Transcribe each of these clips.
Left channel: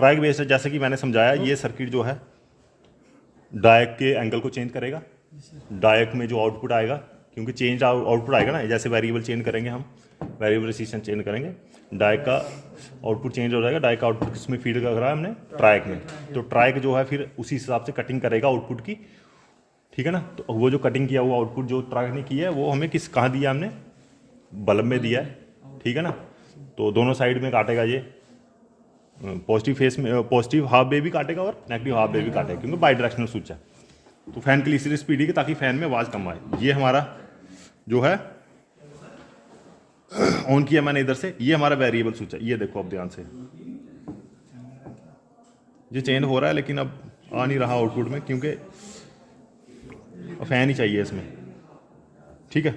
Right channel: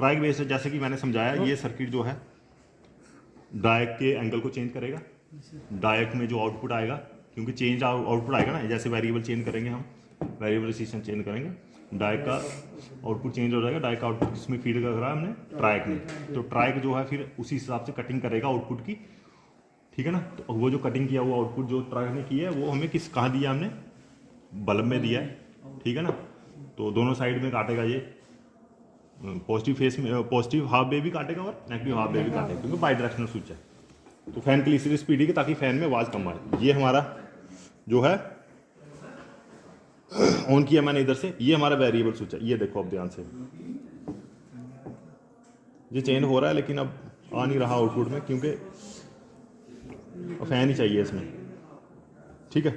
Trike base है, जैसे कि मैंने समझाया, ये सर्किट जो है डायक के एंगल को चेंज करेगा। डायक में जो आउटपुट आएगा, क्योंकि चेंज आउटपुट आएगा ना, जैसे वेरिएबल चेंज करेंगे हम, वेरिएबल रेजिस्टेंस चेंज करेंगे, डायक का आउटपुट चेंज हो जाएगा। डायक का आउटपुट किसमें फीड कर रहा है हमने, ट्राइक में। तो ट्राइक जो है फिर उसी हिसाब से कटिंग करेगा आउटपुट की, ठीक है ना। तो वो जो कटिंग किया हुआ आउटपुट जो ट्राइक ने किया है वो हमें कहाँ दिया, हमने बल्ब में दिया है, ठीक है ना। तो दोनों साइड में काटेगा ये, पॉजिटिव फेस में, पॉजिटिव हाफ वे भी काटेगा और नेगेटिव हाफ वे भी काटेगा, क्योंकि बाई डायरेक्शनल स्विच है। तो फैन के लिए इसलिए स्पीड है ताकि फैन में आवाज़ कम आए। ये हमारा जो है ऑन किया मैंने इधर से, ये हमारा वेरिएबल स्विच है। ये देखो अब ध्यान से, ये चेंज हो रहा है लेकिन अब आ नहीं रहा आउटपुट में, क्योंकि फैन ही चाहिए इसमें, ठीक है।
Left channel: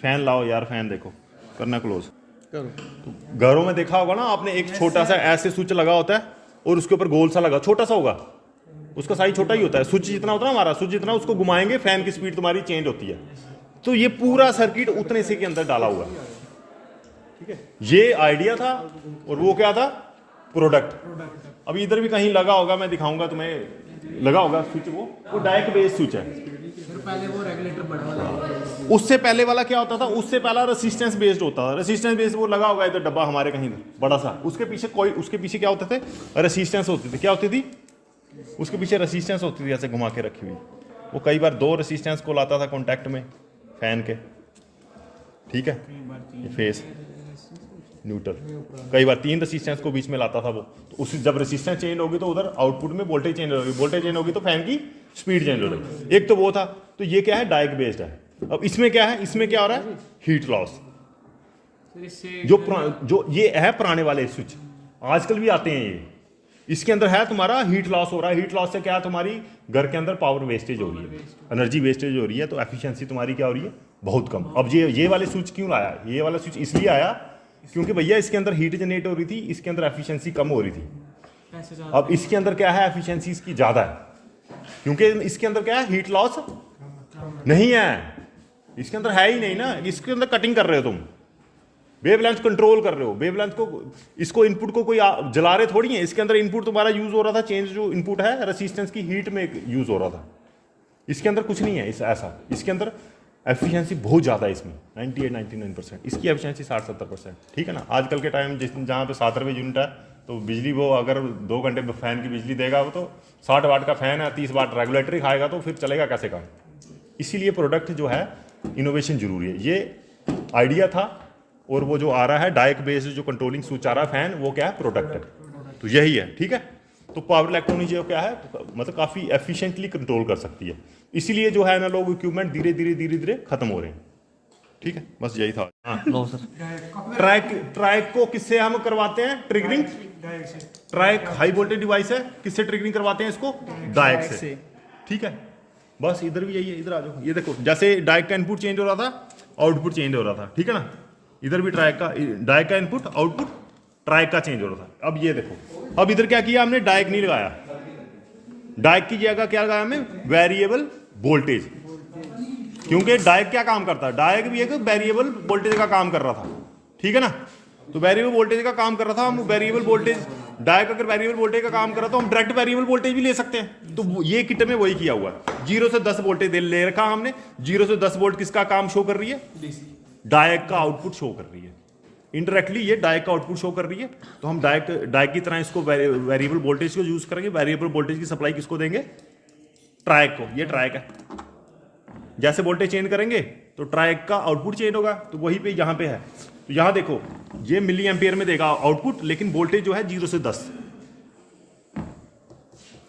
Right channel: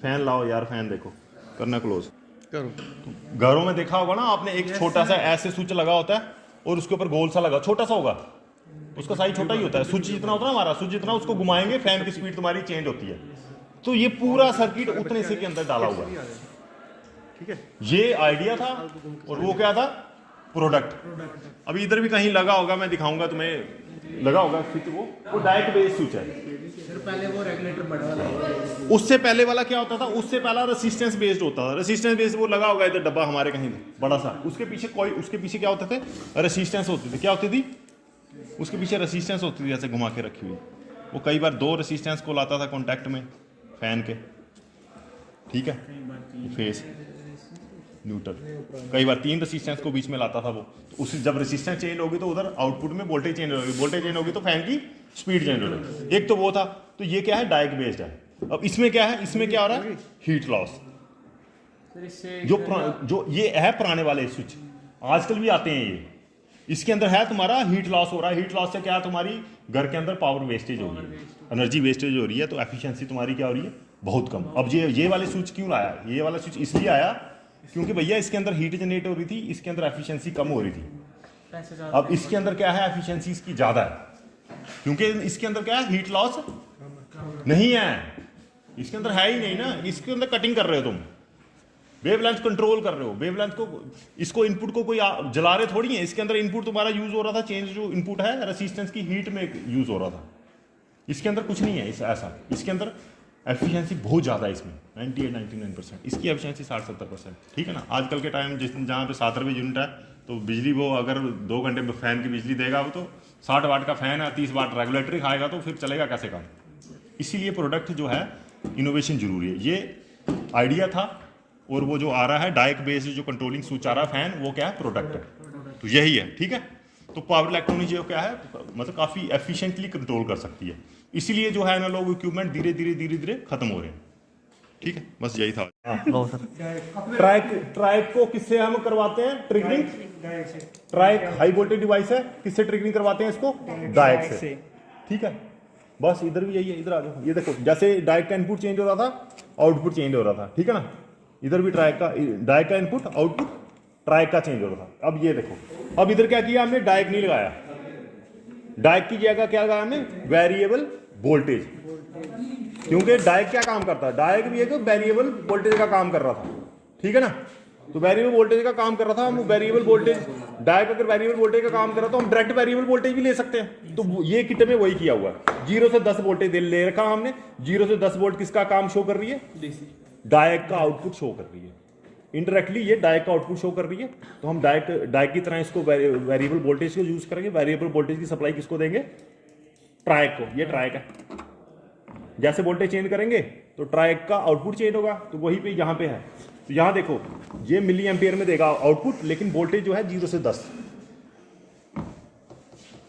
फैन लाओ यार, फैन देखो, करना क्लोज करो। तो घरों में देखा होगा ना आपने, एक छोटा सा ऐसे स्विच लगा होता है और उसके ऊपर गोल सा लगा, छोटा सा होगा, उसका साइज छोटा ही होता है। स्विच जितना होता है हमारा, स्विच जितना, उसको घुमाएंगे फैन की स्पीड तुम्हारी चेंज होती है। तो ये पूरा सर्किट उतने से के अंदर डाला हुआ है, ठीक है। ये आइडिया था और वो क्या था, प्रोडक्ट। अभी इधर भी कहीं लगा होगा, मैं दिखाऊंगा तुम्हें, लगा होगा स्विच, वो डायरेक्ट बेस स्विच है। पहले वो रेगुलेटर बढ़ा, उससे पहले वाला क्या होता था, उससे पहला रेसिस्टेंस बेस्ड होता था। रेसिस्टेंस बेस्ड वो लगा होगा इधर डब्बा हमारे कहीं बड़ा सा, उसके पीछे क्या होते थे, रेसिस्टेंस होती थी। क्या होती थी उसके पीछे, रेसिस्टेंस होती थी ऐसे घुमा के रखी हुई। वो कई बार 2 रेसिस्टेंस को लाता था कॉन्टैक्ट में फैन के, ठीक है, फेस न्यूट्रल, कई बार 3 रेसिस्टेंस को बीच में लाता था वो। तो उस जब रेसिस्टेंस चेंज होगी तो उधर आउटपुट में वोल्टेज चेंज होगी, वोल्टेज चेंज होगी तो फैन की स्पीड चेंज होगी। एक तो वो था। तो ये क्या है, डायक बेस्ड है। अब इसमें क्या है, इसमें क्या हो रहा है, हीट लॉस। जो ये है पुराने वाले स्विच, आजकल भी आते हैं ये, इसके अंदर है तुम्हारा हीट लॉस हो रहा है। हीट लॉस से क्या है, तुम्हारी घर के अंदर पावर वेस्टेज हो रही है, एनर्जी वेस्टेज हो रही है, तो एफिशिएंसी तुम्हारी क्या हो रही है, बहुत कम। अब ये वाले स्विच क्यों लाया, ये वाला स्विच इसलिए आया क्योंकि भैया इसके अंदर हीट जनरेट हो रही थी, इसके अंदर एफिशिएंसी कम हो रही थी। अब इसके अंदर क्या है, एफिशिएंसी इसकी ज्यादा है, क्योंकि इसके अंदर क्या है, हीट लॉस नहीं है, इसके अंदर है ही नहीं ना। इसके अंदर कटिंग कर रहे हो तुम, वेवलेंथ कंट्रोल कर रहे हो, वेवलेंथ को, इसको इनपुट को कोई जला रहे थोड़ी है। इसके अंदर इनपुट तुम्हारा यूज हो रहा था, चेंज जो इनपुट है रेसिस्टेंस की हीट में यूज हो रहा था। इसके अंदर कुछ नहीं है ऐसा, इसके अंदर एफिशिएंसी बहुत ज़्यादा है इसमें, 98-99%, इसकी एफिशिएंसी 60-70%, ठीक है ना। आजकल के टाइम जहाँ पे 7 रुपये यूनिट है, तो बिजली वो अगर 2 घंटे में फैन की बिजली देगा, वो तो 60 वाट का फैन है, 30 वाट रेगुलेटर ही खाएगा, तो फिर चलेगा कैसे काम। इसीलिए प्रोडक्ट जो है, इनोवेशन जरूरी है। ये आइडिया था, और वो जो आ रहा है डायक बेस्ड जो कंट्रोलिंग स्विच आ रहा है फैन, वो क्या है, प्रोडक्ट है। तो यही है, ठीक है। तो पावर इलेक्ट्रॉनिक जो क्या है, मतलब काफ़ी एफिशिएंटली कंट्रोल कर सकती है। इसीलिए जो है ना, लोग इक्विपमेंट धीरे धीरे खत्म हो रहे हैं, ठीक है। बस यही था। ट्राइक को किससे हम करवाते हैं triggering, triac high voltage device है, किससे ट्रिगरिंग करवाते हैं इसको, डायक से, ठीक है। बस इधर भी यही है, इधर आ जाओ। ये देखो, जैसे डायक का इनपुट चेंज हो रहा था, आउटपुट चेंज हो रहा था, ठीक है ना। इधर भी डायक का इनपुट, आउटपुट ट्राइक का चेंज हो रहा था। अब ये देखो, अब इधर क्या किया हमने, डायक नहीं लगाया, डायक की जगह क्या लगाया हमने, वेरिएबल वोल्टेज। क्योंकि डायक क्या काम करता है, डायक भी एक वेरिएबल वोल्टेज का काम कर रहा था, ठीक है ना। तो वेरिएबल वोल्टेज का काम कर रहा था, हम वेरिएबल वोल्टेज, डायक अगर वेरिएबल वोल्टेज का काम कर रहा था, हम डायरेक्ट वेरिएबल वोल्टेज भी ले सकते हैं। तो ये किट में वही किया हुआ, 0 से 10 वोल्टेज ले रखा हमने। 0 से 10 वोल्ट किसका काम शो कर रही है, डायक का आउटपुट शो कर रही है। इनडायरेक्टली ये डायक का आउटपुट शो कर रही है। तो हम डायक की तरह इसको वेरिएबल वोल्टेज को यूज करेंगे। वेरिएबल वोल्टेज की सप्लाई किसको देंगे, ट्राइक को। ये ट्राइक है, जैसे वोल्टेज चेंज करेंगे तो ट्राइक का आउटपुट चेंज होगा। तो वही पे यहाँ पे है। तो यहाँ देखो, ये मिली एम्पियर में देगा आउटपुट, लेकिन वोल्टेज जो है 0 से 10,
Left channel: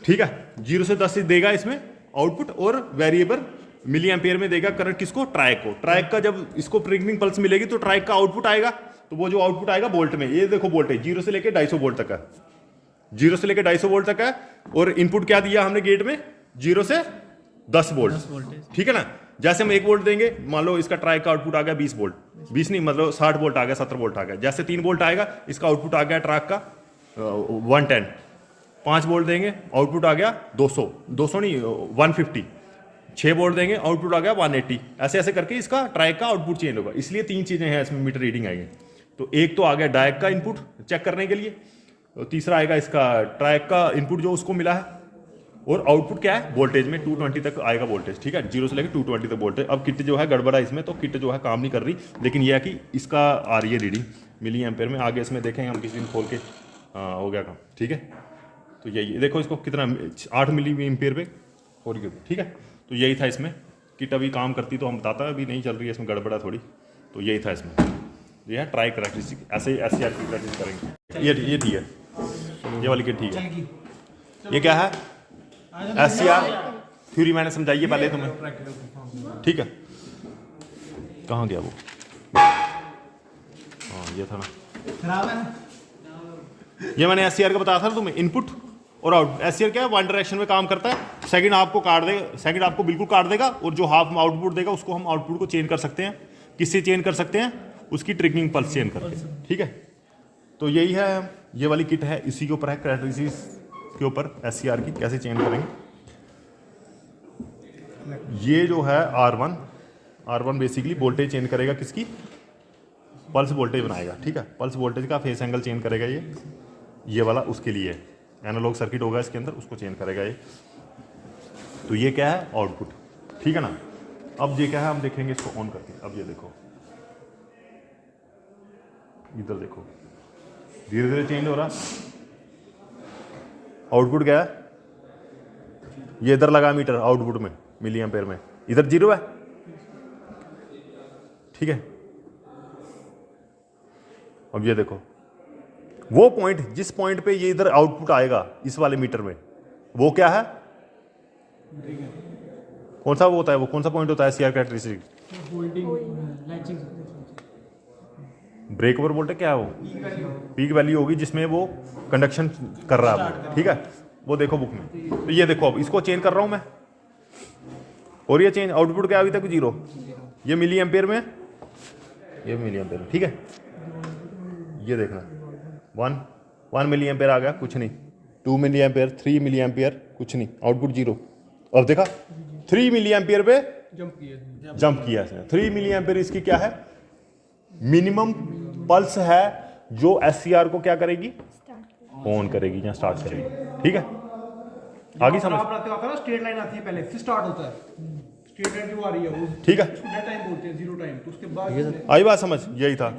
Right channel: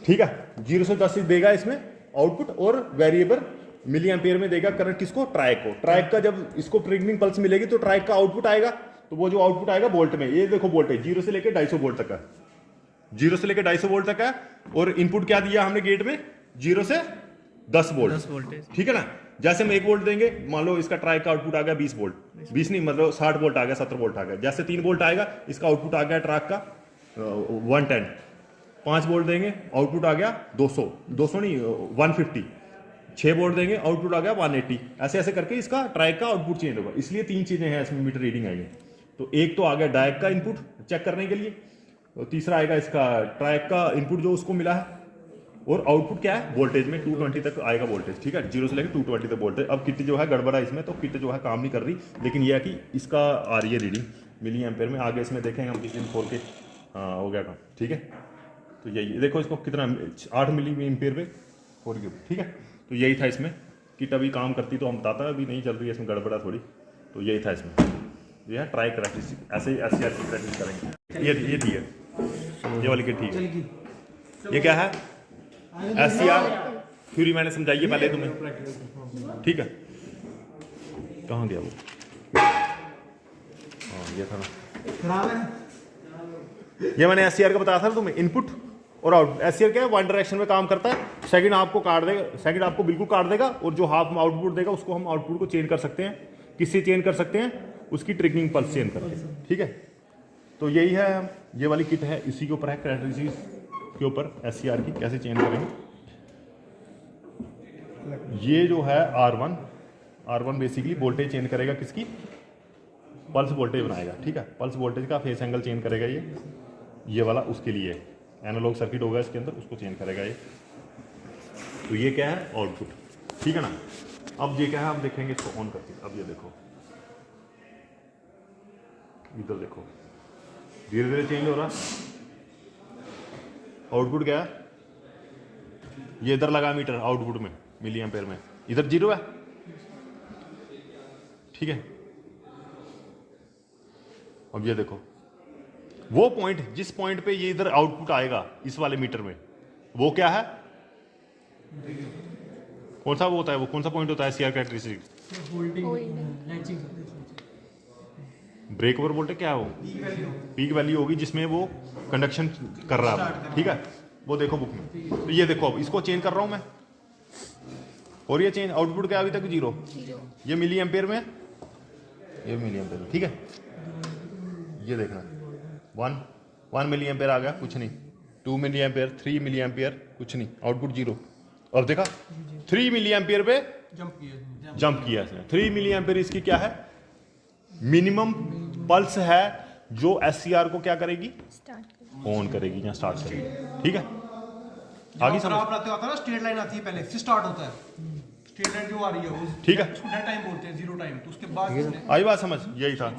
ठीक है। 0 से 10 देगा इसमें आउटपुट, और वेरिएबल मिली एम्पियर में देगा करंट किसको, ट्राइक को। ट्राइक का जब इसको ट्रिगरिंग पल्स मिलेगी तो ट्राइक का आउटपुट आएगा। तो वो जो आउटपुट आएगा वोल्ट में, ये देखो वोल्टेज 0 से लेकर 250 वोल्ट तक है, 0 से लेकर 250 वोल्ट तक है। और इनपुट क्या दिया हमने गेट में, 0 से 10 वोल्ट, ठीक है ना। जैसे हम 1 वोल्ट देंगे, मान लो इसका ट्राइक का आउटपुट आ गया 20 वोल्ट, 20 नहीं मतलब 60 वोल्ट आ गया, 70 वोल्ट आ गया। जैसे 3 वोल्ट आएगा, इसका आउटपुट आ गया ट्राइक का 110। 5 वोल्ट देंगे, आउटपुट आ गया 200 नहीं 150। 6 वोल्ट देंगे, आउटपुट आ गया 180। ऐसे ऐसे करके इसका ट्राइक का आउटपुट चेंज होगा। इसलिए 3 चीजें हैं इसमें मीटर रीडिंग आई है। तो एक तो आ गया डायक का इनपुट चेक करने के लिए, तीसरा आएगा इसका ट्रैक का इनपुट जो उसको मिला है, और आउटपुट क्या है वोल्टेज में 220 तक आएगा वोल्टेज, ठीक है, 0 से लेकर 220 तक वोल्टेज। अब किट जो है गड़बड़ा इसमें, तो किट जो है काम नहीं कर रही, लेकिन यह है कि इसका आ रही है रीडिंग मिली एम्पेयर में। आगे इसमें देखें हम किसी दिन खोल के, हाँ हो गया काम, ठीक है। तो यही देखो इसको कितना 8 मिली एम्पेयर पे हो रही है, ठीक है। तो यही था इसमें, किट अभी काम करती तो हम बताता है, अभी नहीं चल रही है, इसमें गड़बड़ा थोड़ी। तो यही था इसमें, ये है ट्राई करेक्टरिस्टिक, ऐसे ऐसी की प्रैक्टिस करेंगे। ये ठीक है, ये वाली किट ठीक है। ये क्या है SCR थ्योरी, मैंने समझाइए पहले तुम्हें, ठीक है। कहाँ गया वो, हाँ ये था, खराब है ना। ये मैंने SCR का बताया था तुम्हें, इनपुट और आउट। SCR क्या है, वन डायरेक्शन में काम करता है, सेकंड आपको काट देगा, सेकंड आपको बिल्कुल काट देगा, और जो हाफ में आउटपुट देगा उसको हम आउटपुट को चेंज कर सकते हैं। किससे चेंज कर सकते हैं, उसकी ट्रिगरिंग पल्स चेंज करके, ठीक है। तो यही है, ये वाली किट है, इसी के ऊपर है कैरेक्टरिस्टिक्स के ऊपर SCR की कैसे चेंज करेंगे। ये जो है R1 बेसिकली वोल्टेज चेंज करेगा, किसकी, पल्स वोल्टेज बनाएगा, ठीक है। पल्स वोल्टेज का फेस एंगल चेंज करेगा ये वाला, उसके लिए एनालॉग सर्किट होगा इसके अंदर, उसको चेंज करेगा ये। तो ये क्या है आउटपुट, ठीक है ना। अब ये क्या है, हम देखेंगे इसको ऑन करके। अब ये देखो, इधर देखो, धीरे धीरे चेंज हो रहा है। आउटपुट क्या है, ये इधर लगा मीटर आउटपुट में मिली एम्पेयर में, इधर 0 है, ठीक है। अब ये देखो, वो पॉइंट जिस पॉइंट पे ये इधर आउटपुट आएगा इस वाले मीटर में, वो क्या है, कौन सा वो होता है, वो कौन सा पॉइंट होता है SCR characteristic, holding latching, break over voltage क्या है, वो पीक वैल्यू होगी जिसमें वो कंडक्शन कर रहा है, ठीक है। वो देखो बुक में, तो ये देखो, अब इसको चेंज कर रहा हूं मैं, और ये चेंज आउटपुट क्या अभी तक 0, ये मिली एम्पेयर में, ये मिली एम्पेयर में, ठीक है। ये देखना 1 मिली एम्पेयर आ गया, कुछ नहीं, 2 मिली एम्पेयर, 3 मिली एम्पेयर, कुछ नहीं, आउटपुट 0। अब देखा 3 मिली एम्पेयर पे जंप किया इसने, 3 मिली एम्पेयर इसकी क्या है, मिनिमम पल्स है, जो SCR को क्या करेगी, ऑन करेगी या स्टार्ट करेगी, ठीक है। आगे समझ आता है ना, स्ट्रेट लाइन आती है पहले, फिर स्टार्ट होता है, स्ट्रेट लाइन जो आ रही है वो, ठीक है, डेड टाइम बोलते हैं, 0 टाइम, तो उसके बाद आई बात समझ, यही था।